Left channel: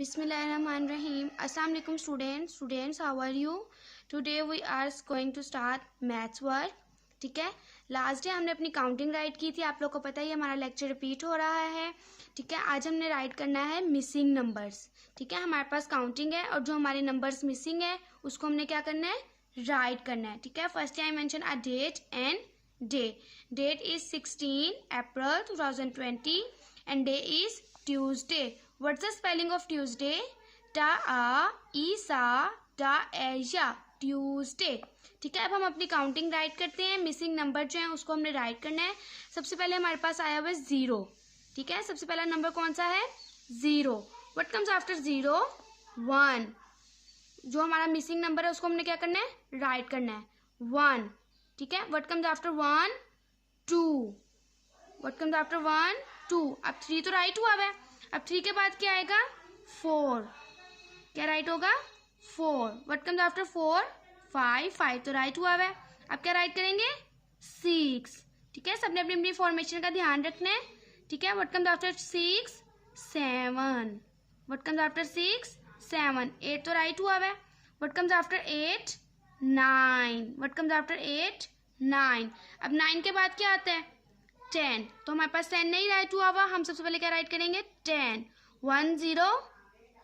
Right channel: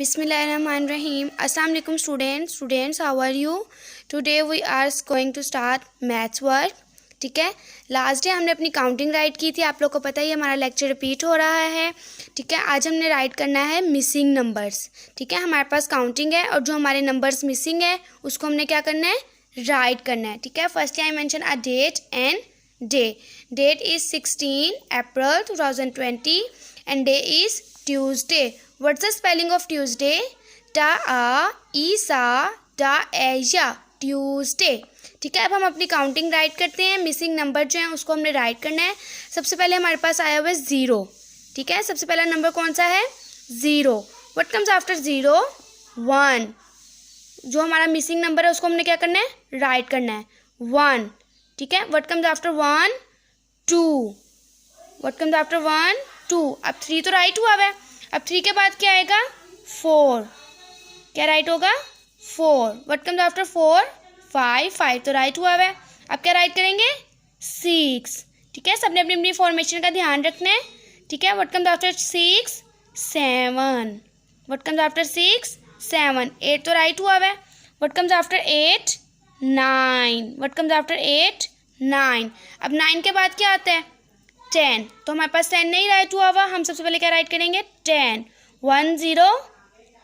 Bismillahirrahmanirrahim. Assalamu alaikum students. Students, how are you? Today we are going to start maths work. ठीक है, last day हमने अपनी counting right की थी, आप लोग को पता ही हमारा लेक्चर रिपीट हो रहा है. ठीक है, आज हमने राइट करना है मिसिंग नंबर्स. ठीक है, हमारे पास काउंटिंग है और जो हमारे नंबर्स मिसिंग है उसको हमने क्या करना है, राइट करना है. ठीक है, firstly I mention a date and day. Date is 16 April 2020 and day is Tuesday. What's the spelling of Tuesday? Ta-a-isa-da-a-ya. Tuesday. ठीक है, अब हम अपनी काउंटिंग राइट करते हैं. मिसिंग नंबर जो है उसको हमने राइट करना है. सबसे पहले हमारे पास आया हुआ है 0. ठीक है, सबसे पहला नंबर कौन सा है, 0. What comes after 0? 1. जो हमारा मिसिंग नंबर है उसको हमने क्या करना है, राइट करना है, 1. ठीक है, what comes after 1? 2. What comes after 1? 2. अब 3 तो राइट हुआ है. अब 3 के बाद क्या आएगा, 4. क्या राइट होगा, 4. What comes after 4? 5. 5 तो राइट हुआ है. अब क्या राइट करेंगे, 6. ठीक है, सबने अपनी अपनी फॉर्मेशन का ध्यान रखना है. ठीक है, what comes after 6? 7. What comes after 6? 7. 8 तो राइट हुआ है. What comes after 8? 9. What comes after 8? 9. अब 9 के बाद क्या आता है, 10. तो हमारे पास 10 नहीं राइट हुआ हुआ, हम सबसे पहले क्या राइट करेंगे, 10. 1 0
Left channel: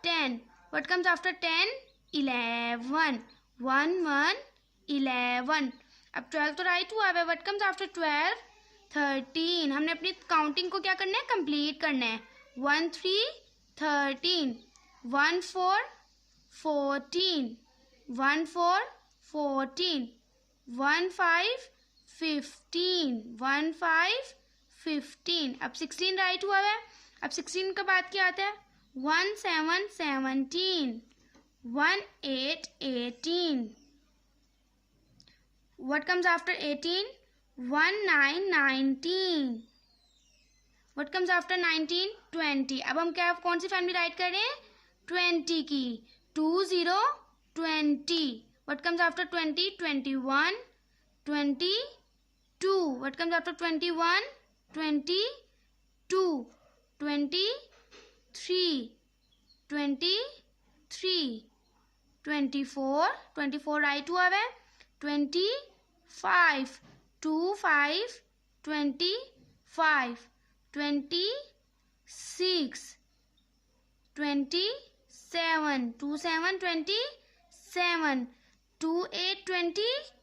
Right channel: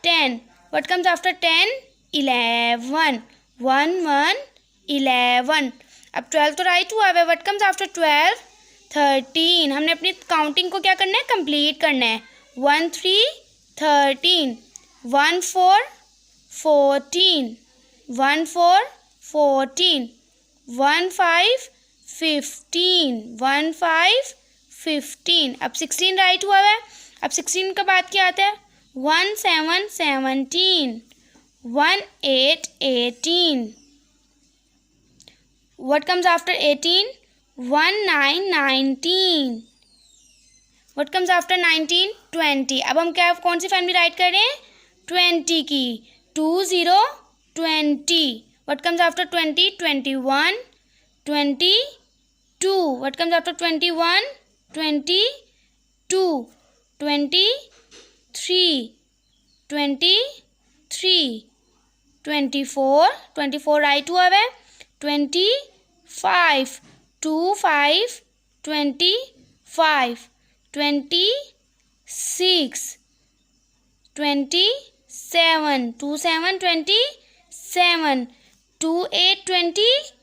10. What comes after 10? 11. 1 1 11. अब 12 तो राइट हुआ है. What comes after 12? 13. हमने अपनी काउंटिंग को क्या करना है, कंप्लीट करना है. 1 3 13. 1 4 14. 1 4 14. 1 5 15. 1 5 15. अब 16 राइट हुआ है. अब 16 के बाद क्या आता है, 1 7 17. 1 8 18. What comes after 18? 1 9 19. What comes after 19? 20. अब हम क्या, कौन सी फैमिली राइट कर रहे हैं, 20 की. 2 0 20. What comes after 20? 21 22. What comes after 21? 22. 23 23. 24 24 right हुआ है. 25 2 5 25. 26 27 2 7 27. 2 8 27.